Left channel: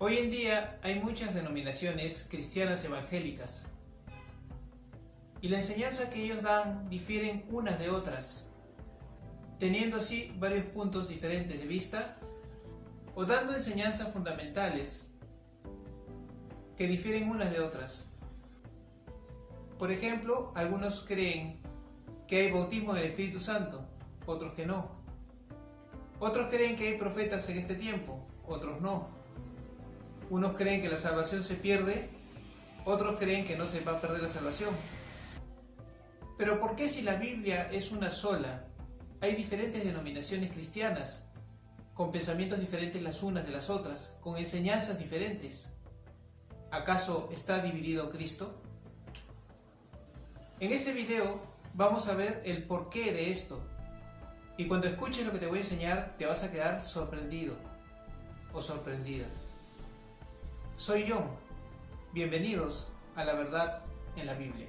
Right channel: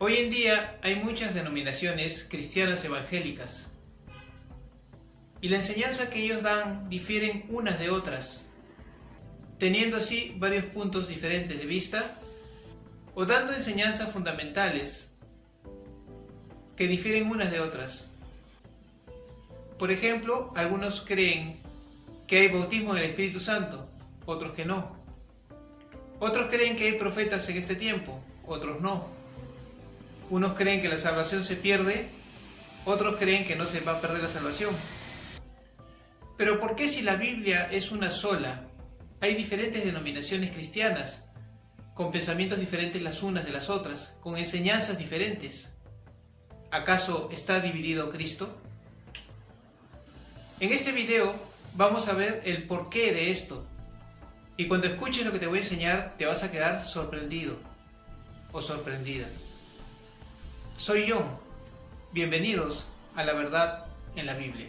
Hoy en día hay muchas denominaciones cristianas evangélicas y la enseñanza que ellos dan difieren unas de otras, teniendo así varios puntos diferentes de vista o dando enseñanzas fundamentales que difieren unas de otras. Por ejemplo, algunos creen que hay bautismo en el Espíritu Santo, otros que no. Otros creen que hay profetas en este tiempo, otros no. Unos creen que la salvación se pierde, otros creen que no se va a perder la salvación. Pero ¿por qué si la Biblia es una sola, hay diferentes denominaciones cristianas, con pensamientos diferentes las unas de las otras, con enseñanzas diferentes? ¿Acaso está dividido Cristo? En este video vamos a ver el porqué de esto. Y cuando escuches lo que te voy a enseñar, te vas a quedar sorprendido o sorprendida. Soy John. Bienvenidos a la verdad en la Biblia.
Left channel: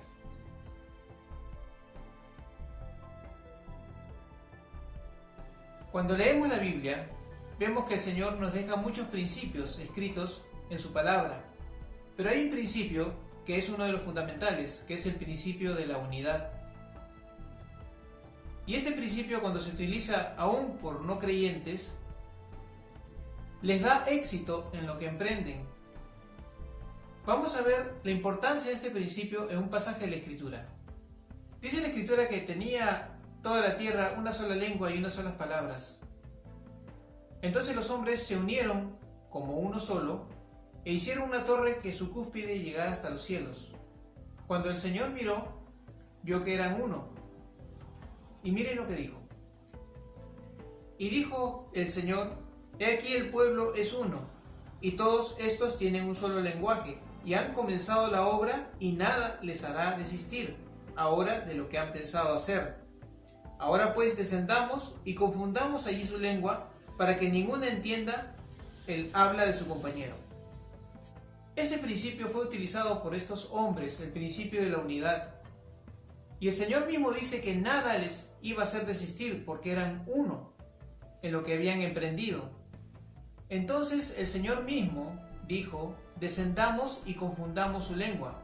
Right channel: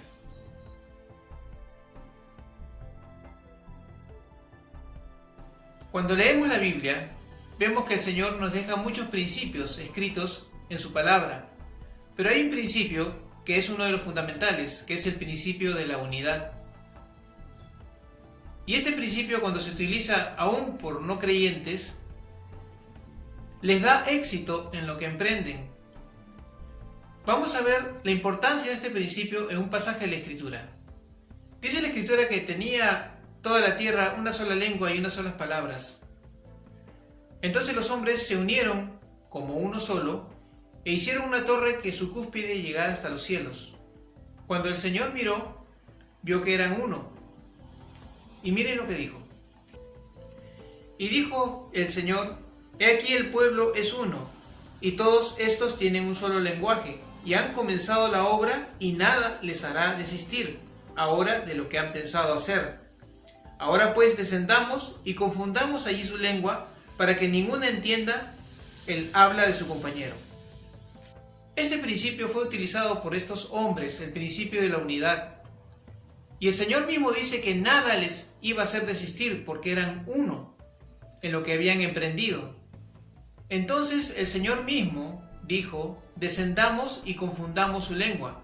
Cuando leemos la Biblia, vemos que el Señor nos deja muchos principios escritos en su palabra. Pero hay un principio que es uno de los fundamentales, que es el principio de la unidad. Y este principio, cuando se utiliza aún por no creyentes, les da éxito en lo que emprenden. Vamos a ver la importancia de este principio en un pasaje de la Escritura. Dice la Escritura que tenía toda la tierra una sola lengua y unas solas palabras. Entonces los hombres se unieron como uno solo e hicieron una torre que su cúspide llegara hasta los cielos. Cuando el Señor miró, vio que eran uno. Y miren lo que dijo. Y dijo el Señor: he aquí el pueblo es uno, y todos estos tienen un solo lenguaje, y han comenzado la obra, y nada les hará desistir ahora de lo que han pensado hacer. Ahora pues descendamos y confundamos allí su lengua, para que ninguno entienda el habla de su compañero. Este principio fue utilizado por estos hombres, el principio de la unidad. Y el Señor mismo dice que nada les iba a hacer desistir porque eran uno en lo que habían emprendido. Entonces el Señor mismo dijo: descendamos y confundamos su lengua,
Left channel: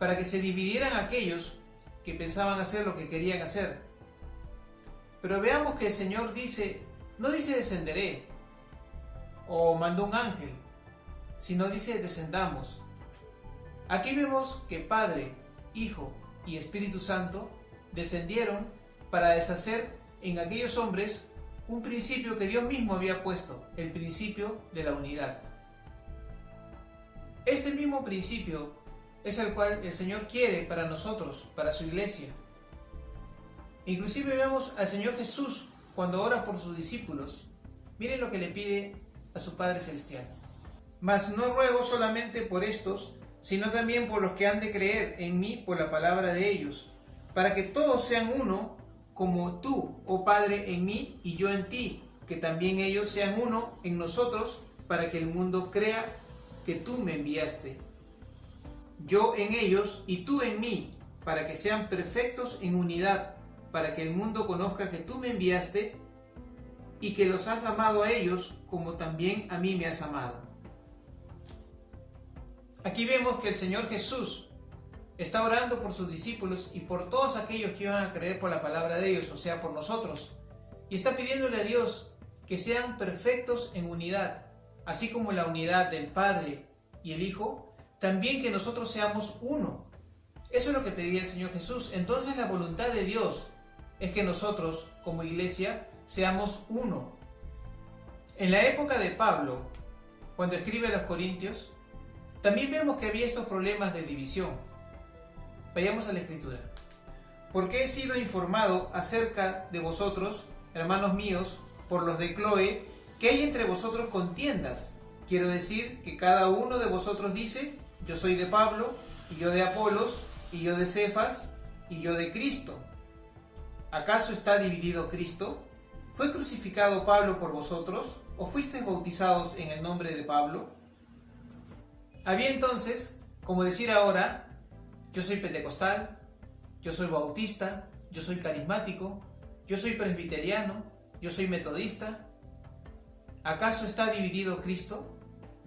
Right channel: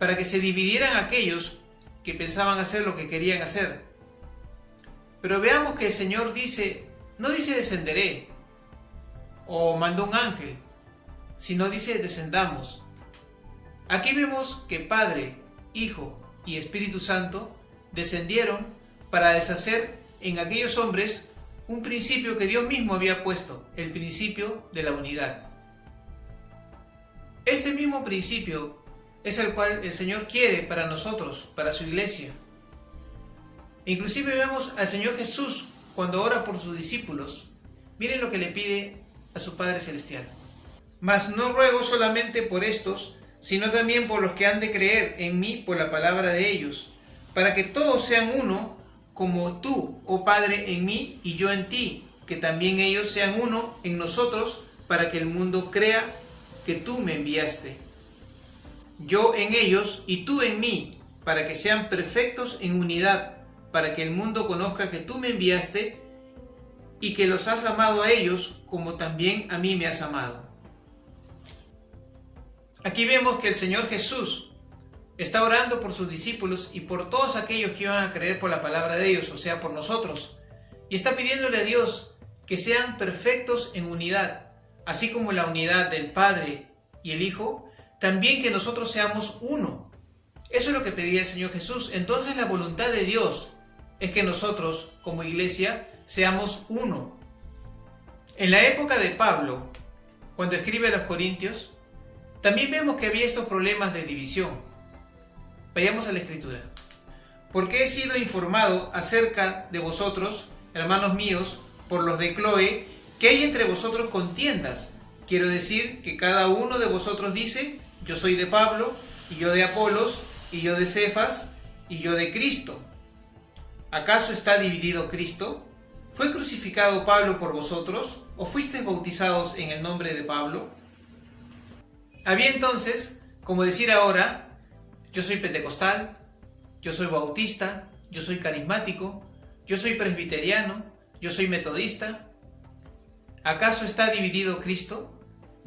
para que se dividieran aquellos que pensaban hacer lo que querían hacer. Pero veamos que el Señor no dice descenderé o mandó un ángel, sino dice descendamos. Aquí vemos que Padre, Hijo y Espíritu Santo descendieron para deshacer en aquellos hombres un principio que Dios mismo había puesto, el principio de la unidad. Este mismo principio es el cual el Señor quiere para nosotros, para su iglesia. Inclusive vemos al Señor Jesús cuando ora por sus discípulos. Miren lo que le pide a su Padre Celestial: mas no ruego solamente por estos, sino también por los que han de creer en mí por la palabra de ellos, para que todos sean uno, como tú, oh Padre, en mí y yo en ti, que también ellos sean uno en nosotros, para que el mundo crea que tú me enviaste. Yo en ellos y tú en mí, para que sean perfectos en unidad, para que el mundo conozca que tú me enviaste y que los has amado a ellos como también a mí me has amado. Aquí vemos que el Señor Jesús está orando por sus discípulos y por todos aquellos que iban a creer por la palabra de ellos, o sea, por nosotros. Y está pidiéndole a Dios que sean perfectos en unidad, así como la unidad del Padre y el Hijo, también que nosotros seamos uno. Eso es lo que pedía el Señor Jesús. Entonces la voluntad de Dios es que nosotros, como iglesia, seamos uno. En la época de Pablo, cuando escribe a los Corintios, también vemos que había estos problemas de división. Vayamos a la Escritura. Porque he sido informado acerca de vosotros, hermanos míos, por los de Cloé, que hay entre vosotros contiendas. Quiero decir que cada uno de vosotros dice: yo soy de Pablo, y yo de Apolos, y yo de Cefas, y yo de Cristo. ¿Acaso está dividido Cristo? ¿Fue crucificado Pablo por vosotros? ¿O fuisteis bautizados en el nombre de Pablo? Había entonces, como decir ahora: yo soy pentecostal, yo soy bautista, yo soy carismático, yo soy presbiteriano, yo soy metodista. ¿Acaso está dividido Cristo?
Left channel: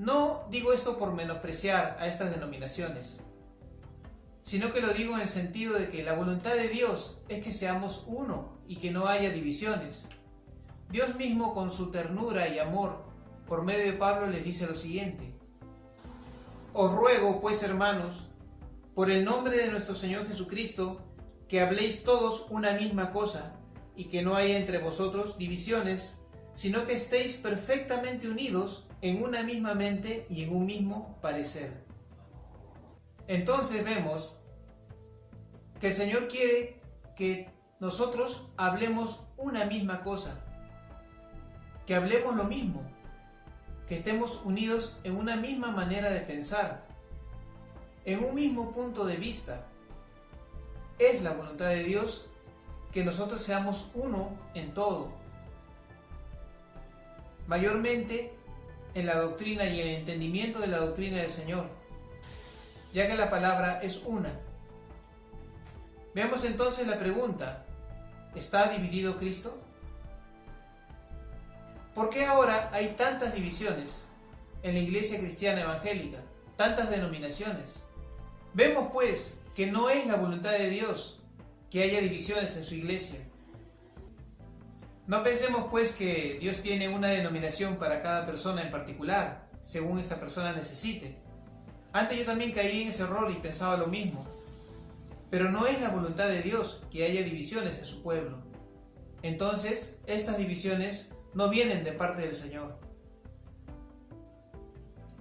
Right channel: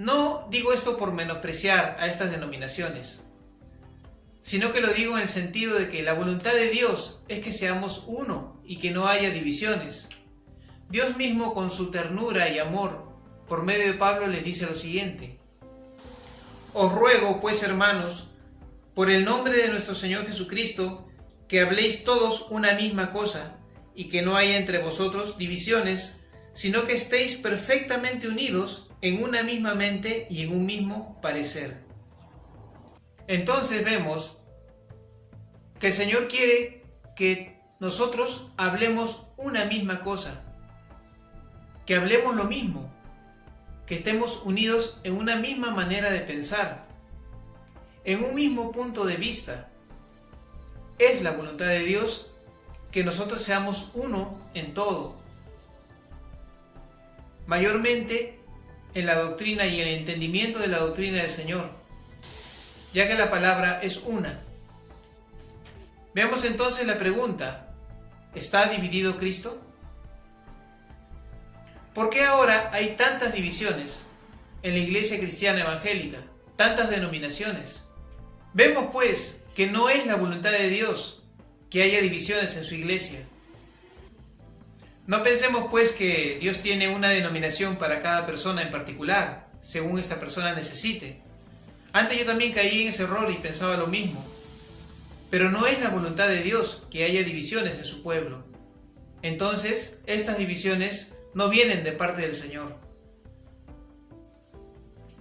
no digo esto por menospreciar a estas denominaciones, sino que lo digo en el sentido de que la voluntad de Dios es que seamos uno y que no haya divisiones. Dios mismo, con su ternura y amor, por medio de Pablo, les dice lo siguiente: os ruego, pues, hermanos, por el nombre de nuestro Señor Jesucristo, que habléis todos una misma cosa, y que no haya entre vosotros divisiones, sino que estéis perfectamente unidos en una misma mente y en un mismo parecer. Entonces vemos que el Señor quiere que nosotros hablemos una misma cosa, que hablemos lo mismo, que estemos unidos en una misma manera de pensar, en un mismo punto de vista. Es la voluntad de Dios que nosotros seamos uno en todo, mayormente en la doctrina y en el entendimiento de la doctrina del Señor, ya que la palabra es una. Veamos entonces la pregunta: ¿está dividido Cristo? ¿Por qué ahora hay tantas divisiones en la iglesia cristiana evangélica, tantas denominaciones? Vemos pues que no es la voluntad de Dios que haya divisiones en su iglesia. No pensemos pues que Dios tiene una denominación para cada persona en particular, según esta persona necesite. Antes yo también caí en ese error y pensaba lo mismo. Pero no es la voluntad de Dios que haya divisiones en su pueblo. Entonces, estas divisiones no vienen de parte del Señor.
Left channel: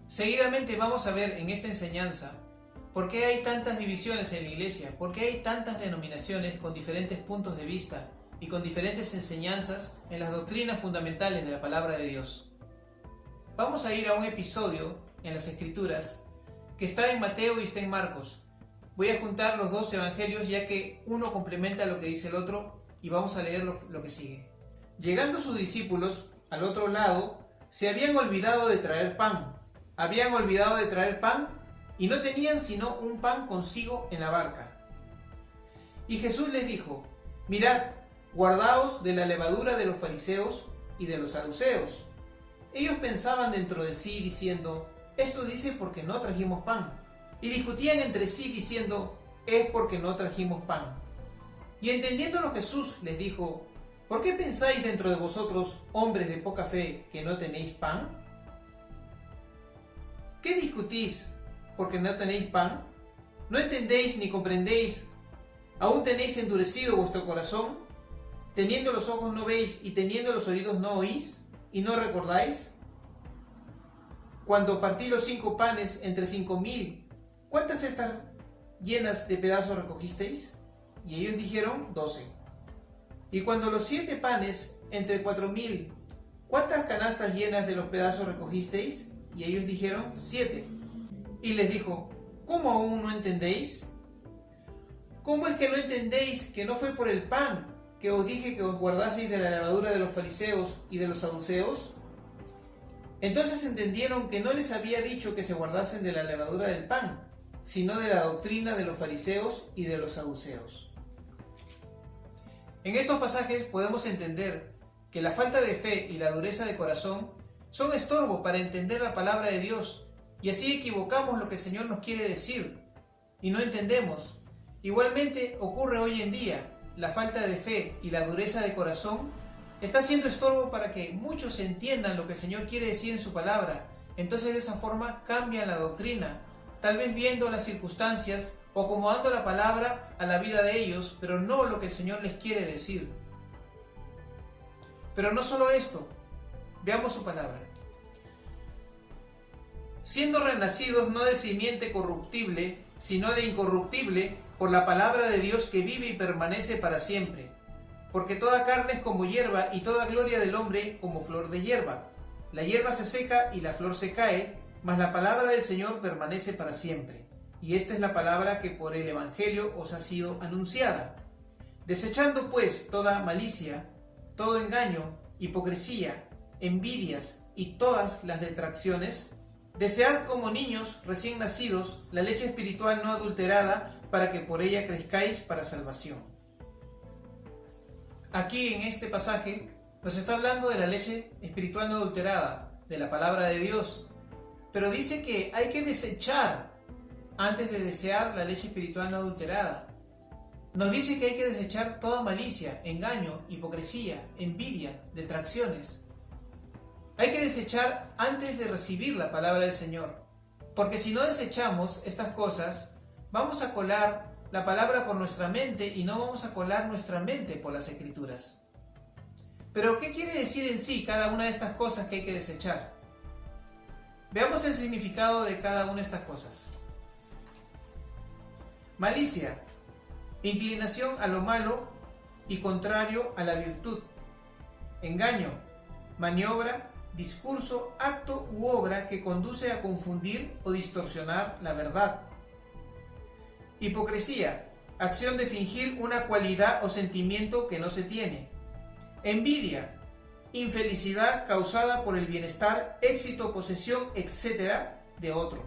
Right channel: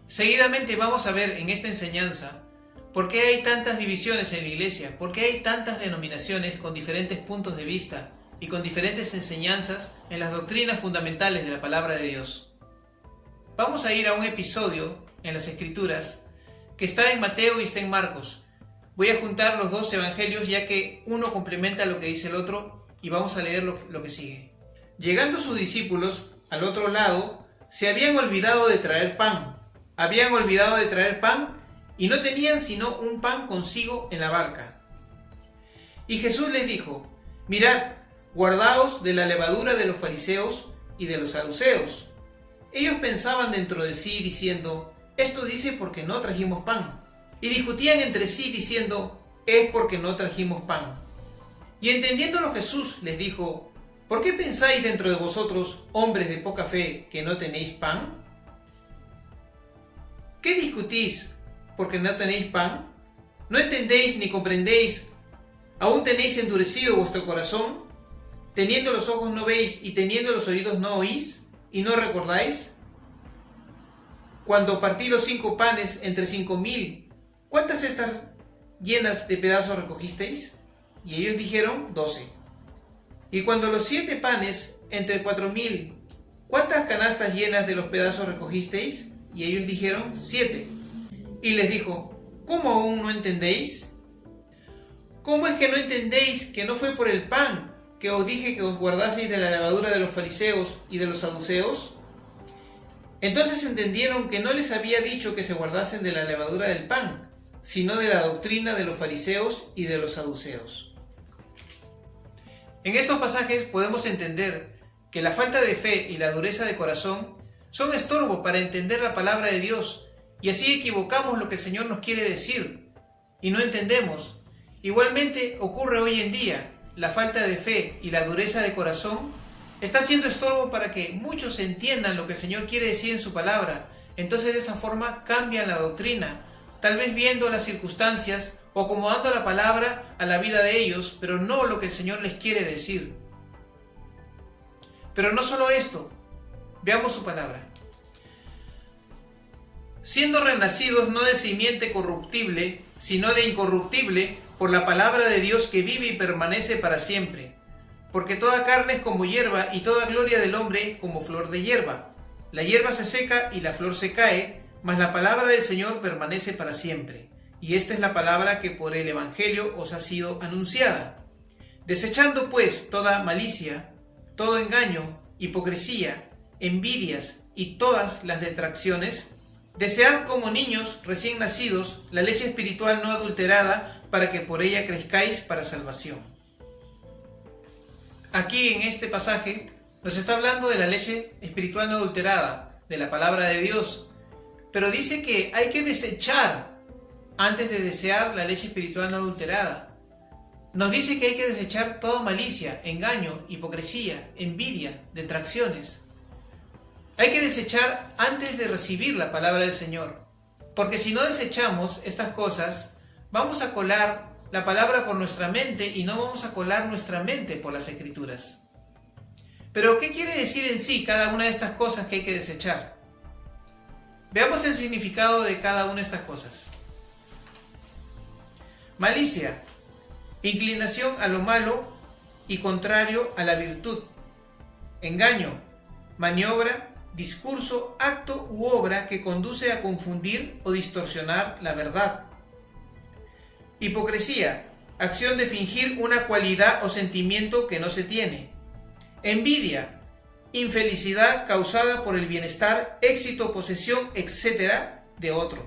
Seguidamente vamos a ver en esta enseñanza por qué hay tantas divisiones en la iglesia, por qué hay tantas denominaciones con diferentes puntos de vista y con diferentes enseñanzas en las doctrinas fundamentales de la palabra de Dios. Vamos a ir a un episodio en las Escrituras que está en Mateo y está en Marcos. Voy a juntar los dos evangelios ya que uno complementa lo que dice el otro y vamos a leer lo que sigue. Llegando sus discípulos al otro lado, se habían olvidado de traer pan. Y no tenían sino un pan consigo en la barca. Y Jesús les dijo: mirad, guardaos de la levadura de los fariseos y de los saduceos. Ellos pensaban dentro de sí diciendo: esto dice porque no trajimos pan. Y discutían entre sí diciendo: es porque no trajimos pan. Y entendiéndolo Jesús les dijo: ¿por qué pensáis dentro de vosotros, hombres de poca fe, que no tenéis pan? ¿Qué discutís porque no tenéis pan? ¿No entendéis ni comprendéis? ¿Aún tenéis endurecido vuestro corazón? ¿Teniendo los ojos no veis y teniendo los oídos no oís? ¿Y no recordáis? Cuando partí los 5 panes entre 5,000, ¿cuántas cestas llenas de pedazos recogisteis? Y ellos dijeron: 12. Y cuando los 7 panes entre 4,000, ¿cuántas canastas llenas de los pedazos recogisteis? Y ellos dijeron: 7. Y les dijo: ¿cómo aún no entendéis? ¿Cómo es que no entendéis que no fue por el pan que os dije que os guardaseis de la levadura de los fariseos y de los saduceos? Entonces entendieron que no les había dicho que se guardasen de la levadura del pan, sino de la doctrina de los fariseos y de los saduceos. En estos pasajes podemos entender que la falta de fe y la dureza de corazón son estorbo para entender la palabra de Dios, y así equivocamos lo que el Señor nos quiere decir y no entendemos. Igualmente ocurre hoy en día. La falta de fe y la dureza de corazón está siendo estorbo para que muchos entiendan lo que el Señor quiere decir en su palabra. Entonces de esa forma cambian la doctrina, tal vez viendo las circunstancias o acomodando la palabra a la vida de ellos, pero no lo que el Señor les quiere decir. Pero no solo esto, veamos su palabra. Siendo renacidos no de simiente corruptible, sino de incorruptible, por la palabra de Dios que vive y permanece para siempre. Porque toda carne es como hierba, y toda gloria del hombre como flor de hierba. La hierba se seca y la flor se cae, mas la palabra del Señor permanece para siempre. Y esta es la palabra que por el Evangelio os ha sido anunciada. Desechando pues toda malicia, todo engaño, hipocresía, envidias y todas las detracciones, desead como niños recién nacidos la leche espiritual no adulterada, para que por ella crezcáis para salvación. Aquí en este pasaje nos está hablando de la leche espiritual no adulterada, de la palabra de Dios. pero dice que hay que desechar antes de desear la leche espiritual no adulterada. Nos dice que hay que desechar toda malicia, engaño, hipocresía, envidia, detracciones. Hay que desechar antes de recibir la palabra del Señor, porque si no desechamos estas cosas, vamos a colar la palabra por nuestra mente y no vamos a colar nuestra mente por las Escrituras. Pero, ¿qué quiere decir en sí cada una de estas cosas que hay que desechar? Veamos el significado de cada una de estas cosas. Malicia, inclinación a lo malo y contrario a la virtud. Engaño, maniobra, discurso, acto u obra que conduce a confundir o distorsionar la verdad. Hipocresía, acción de fingir una cualidad o sentimiento que no se tiene. Envidia, infelicidad causada por el bienestar, éxito, posesión, etc. de otro.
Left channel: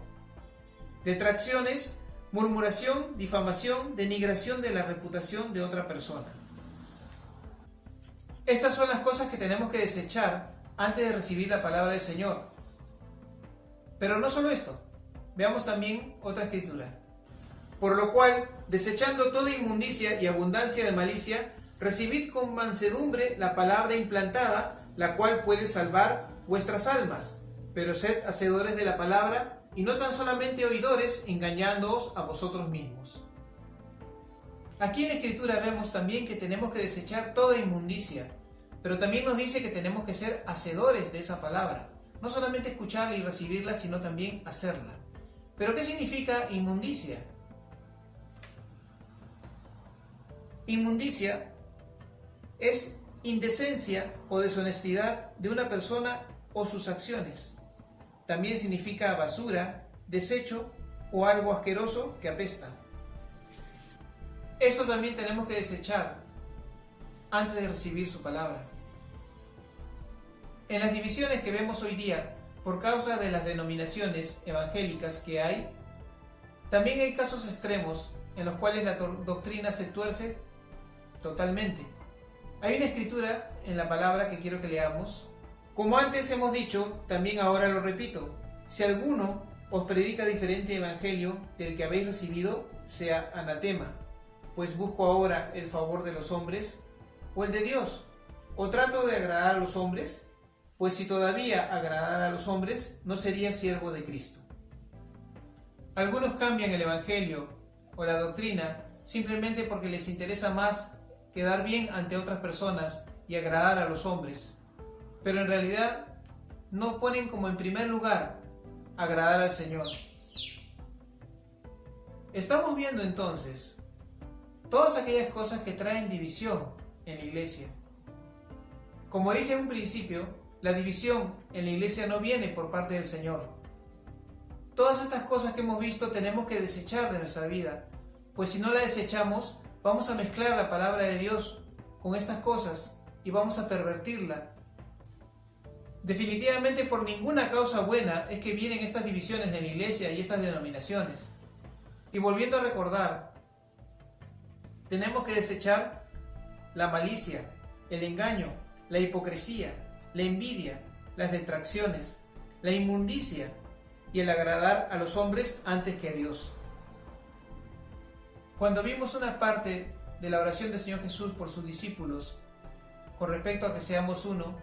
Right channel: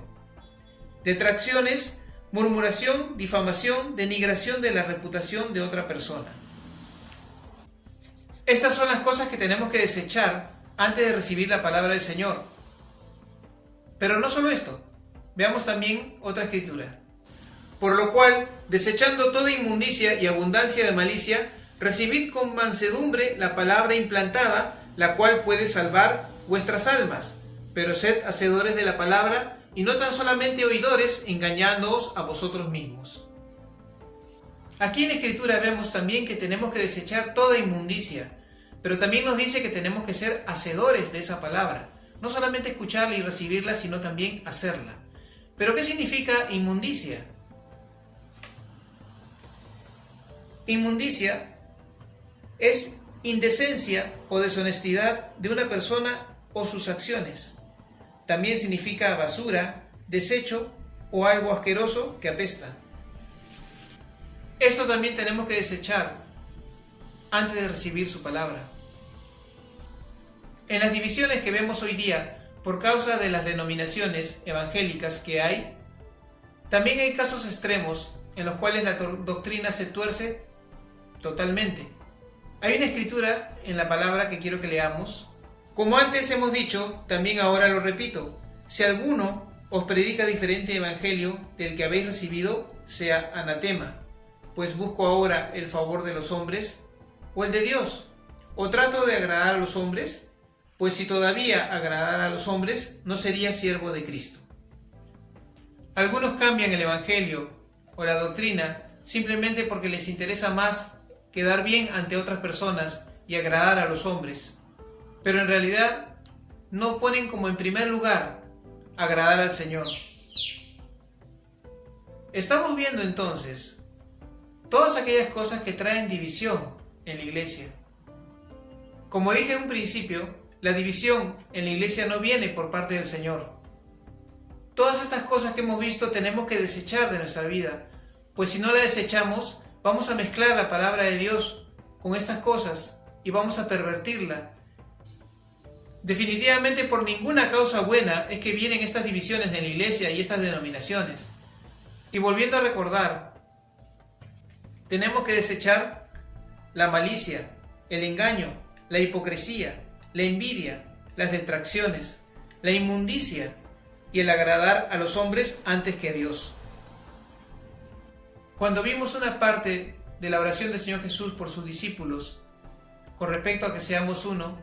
Detracciones, murmuración, difamación, denigración de la reputación de otra persona. Estas son las cosas que tenemos que desechar antes de recibir la palabra del Señor. Pero no solo esto, veamos también otra escritura. Por lo cual, desechando toda inmundicia y abundancia de malicia, recibid con mansedumbre la palabra implantada, la cual puede salvar vuestras almas. Pero sed hacedores de la palabra, y no tan solamente oidores, engañándoos a vosotros mismos. Aquí en la Escritura vemos también que tenemos que desechar toda inmundicia, pero también nos dice que tenemos que ser hacedores de esa palabra. No solamente escucharla y recibirla, sino también hacerla. ¿Pero qué significa inmundicia? Inmundicia es indecencia o deshonestidad de una persona o sus acciones. También significa basura, desecho o algo asqueroso que apesta. Esto también tenemos que desechar antes de recibir su palabra. En las divisiones que vemos hoy día, por causa de las denominaciones evangélicas que hay, también hay casos extremos en los cuales la doctrina se tuerce totalmente. Hay una escritura en la palabra que quiero que leamos. Como antes hemos dicho, también ahora lo repito: si alguno os predica diferente evangelio del que habéis recibido, sea anatema. Pues busco ahora el favor de los hombres o el de Dios, o trato de agradar a los hombres, pues si todavía agradara a los hombres, no sería siervo de Cristo. Algunos cambian el evangelio o la doctrina simplemente porque les interesa más quedar bien ante otras personas y agradar a los hombres, pero en realidad no ponen como en primer lugar agradar al Señor. Estamos viendo entonces todas aquellas cosas que traen división en la iglesia. Como dije en un principio, la división en la iglesia no viene por parte del Señor. Todas estas cosas que hemos visto tenemos que desechar de nuestra vida, pues si no la desechamos, vamos a mezclar la palabra de Dios con estas cosas y vamos a pervertirla. Definitivamente por ninguna causa buena es que vienen estas divisiones en la iglesia y estas denominaciones. Y volviendo a recordar, tenemos que desechar la malicia, el engaño, la hipocresía, la envidia, las distracciones, la inmundicia y el agradar a los hombres antes que a Dios. Cuando vimos una parte de la oración del Señor Jesús por sus discípulos con respecto a que seamos uno,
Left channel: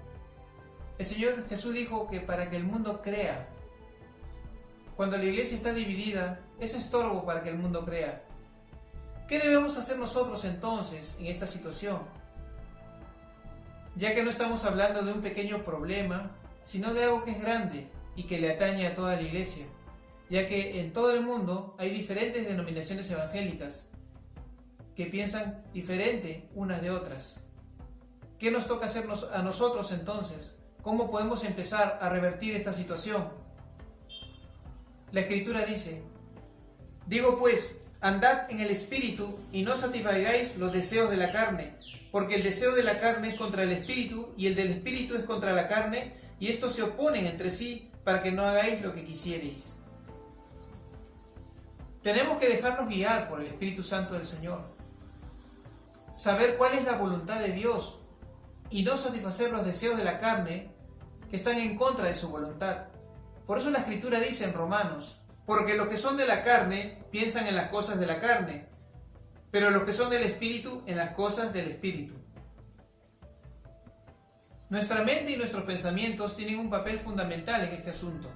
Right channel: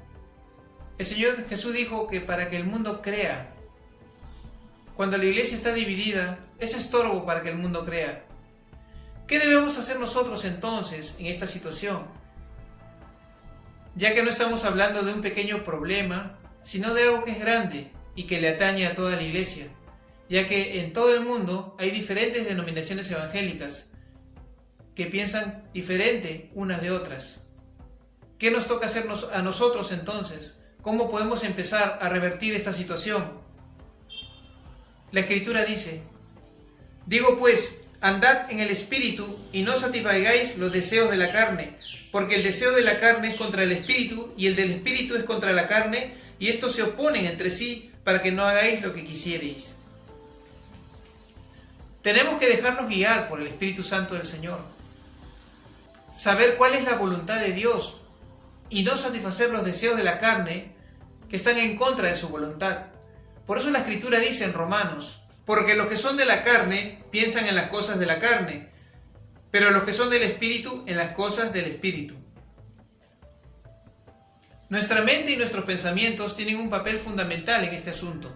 el Señor Jesús dijo que para que el mundo crea, cuando la iglesia está dividida, es estorbo para que el mundo crea. ¿Qué debemos hacer nosotros entonces en esta situación? Ya que no estamos hablando de un pequeño problema, sino de algo que es grande y que le atañe a toda la iglesia, ya que en todo el mundo hay diferentes denominaciones evangélicas que piensan diferente unas de otras. ¿Qué nos toca hacernos a nosotros entonces? ¿Cómo podemos empezar a revertir esta situación? La Escritura dice: digo pues, andad en el Espíritu y no satisfagáis los deseos de la carne, porque el deseo de la carne es contra el Espíritu y el del Espíritu es contra la carne, y estos se oponen entre sí para que no hagáis lo que quisierais. Tenemos que dejarnos guiar por el Espíritu Santo del Señor, saber cuál es la voluntad de Dios y no satisfacer los deseos de la carne que están en contra de su voluntad, Por eso la Escritura dice en Romanos: porque los que son de la carne piensan en las cosas de la carne, pero los que son del Espíritu en las cosas del Espíritu. Nuestra mente y nuestros pensamientos tienen un papel fundamental en este asunto.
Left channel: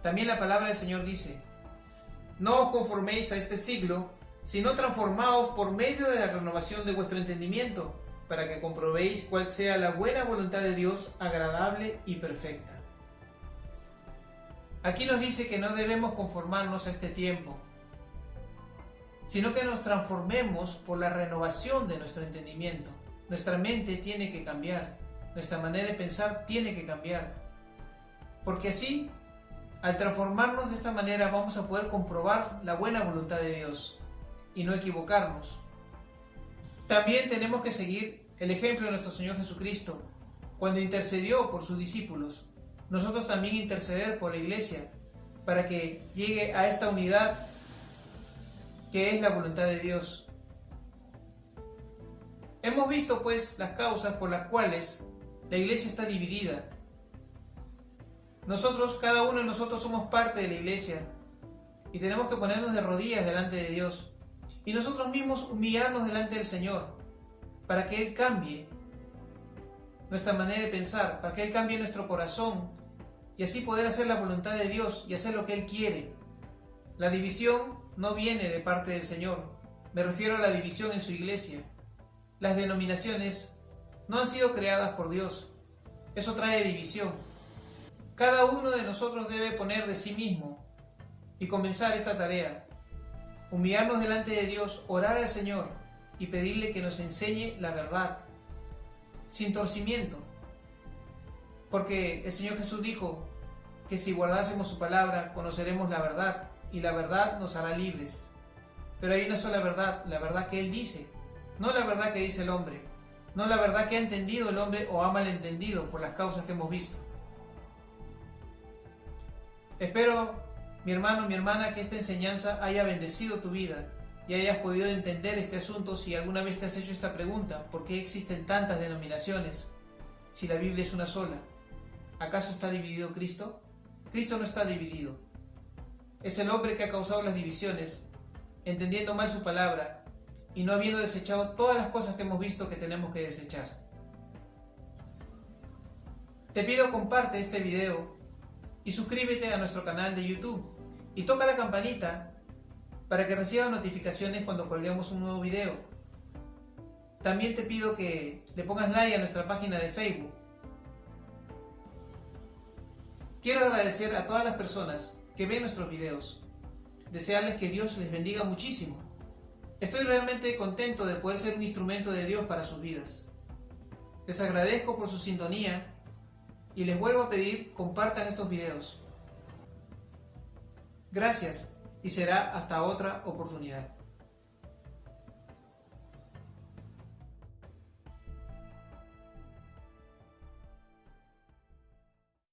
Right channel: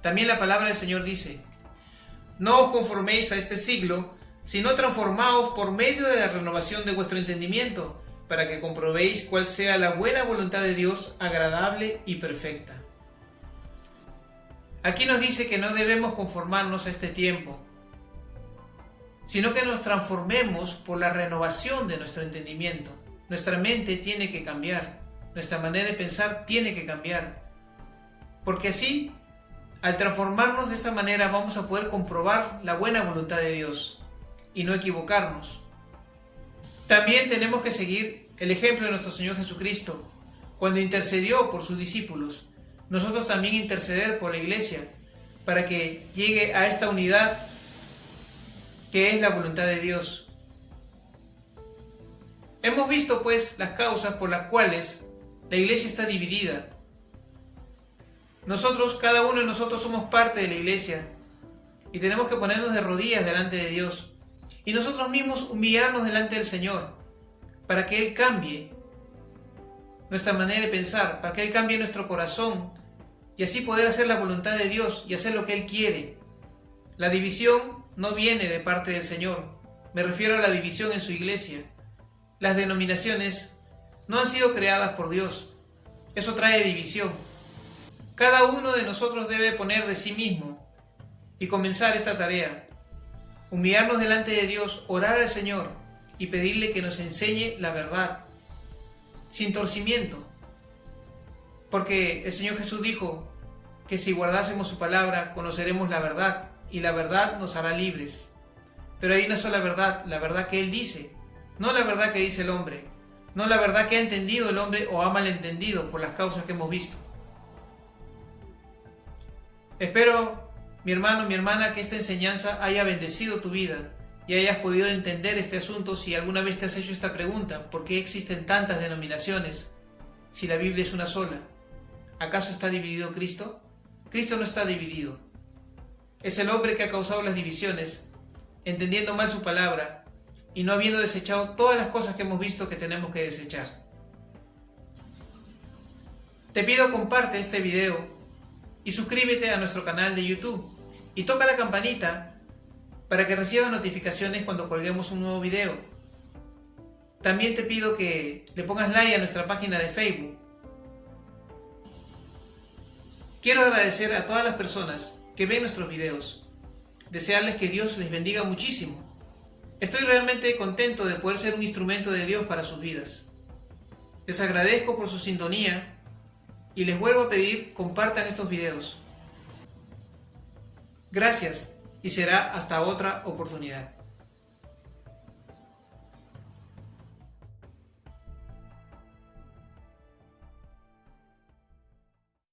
También la palabra del Señor dice: no os conforméis a este siglo, sino transformaos por medio de la renovación de vuestro entendimiento, para que comprobéis cuál sea la buena voluntad de Dios, agradable y perfecta. Aquí nos dice que no debemos conformarnos a este tiempo, sino que nos transformemos por la renovación de nuestro entendimiento. Nuestra mente tiene que cambiar, nuestra manera de pensar tiene que cambiar, porque así, al transformarnos de esta manera, vamos a poder comprobar la buena voluntad de Dios y no equivocarnos. También tenemos que seguir el ejemplo de nuestro Señor Jesucristo. Cuando intercedió por sus discípulos, nosotros también interceder por la iglesia, para que llegue a esta unidad que es la voluntad de Dios. Hemos visto pues las causas por las cuales la iglesia está dividida. Nosotros, cada uno de nosotros somos parte de la iglesia y tenemos que ponernos de rodillas delante de Dios y nosotros mismos humillarnos delante del Señor para que Él cambie nuestra manera de pensar, para que Él cambie nuestro corazón y así poder hacer la voluntad de Dios y hacer lo que Él quiere. La división no viene de parte del Señor. Me refiero a la división en su iglesia. Las denominaciones no han sido creadas por Dios. Eso trae división. Cada uno de nosotros debe poner de sí mismo y comenzar esta tarea. Humillarnos delante de Dios, orar al Señor y pedirle que nos enseñe la verdad, sin torcimiento. Porque el Señor Jesús dijo que si guardásemos su palabra, conoceremos la verdad y la verdad nos hará libres. Pero hay una sola verdad, la verdad que Él dice, no la verdad que dice el hombre, no la verdad que ha entendido el hombre o ha malentendido por las causas que hemos visto. Espero, mi hermano, mi hermana, que esta enseñanza haya bendecido tu vida y hayas podido entender este asunto. Si alguna vez te has hecho esta pregunta: ¿por qué existen tantas denominaciones si la Biblia es una sola? ¿Acaso está dividido Cristo? Cristo no está dividido. Es el hombre que ha causado las divisiones, entendiendo mal su palabra y no habiendo desechado todas las cosas que hemos visto que tenemos que desechar. Te pido, comparte este video y suscríbete a nuestro canal de YouTube y toca la campanita para que recibas notificaciones cuando colguemos un nuevo video. También te pido que le pongas like a nuestra página de Facebook. Quiero agradecer a todas las personas que ven nuestros videos, desearles que Dios les bendiga muchísimo. Estoy realmente contento de poder ser un instrumento de Dios para sus vidas. Les agradezco por su sintonía y les vuelvo a pedir, compartan estos videos. Gracias y será hasta otra oportunidad.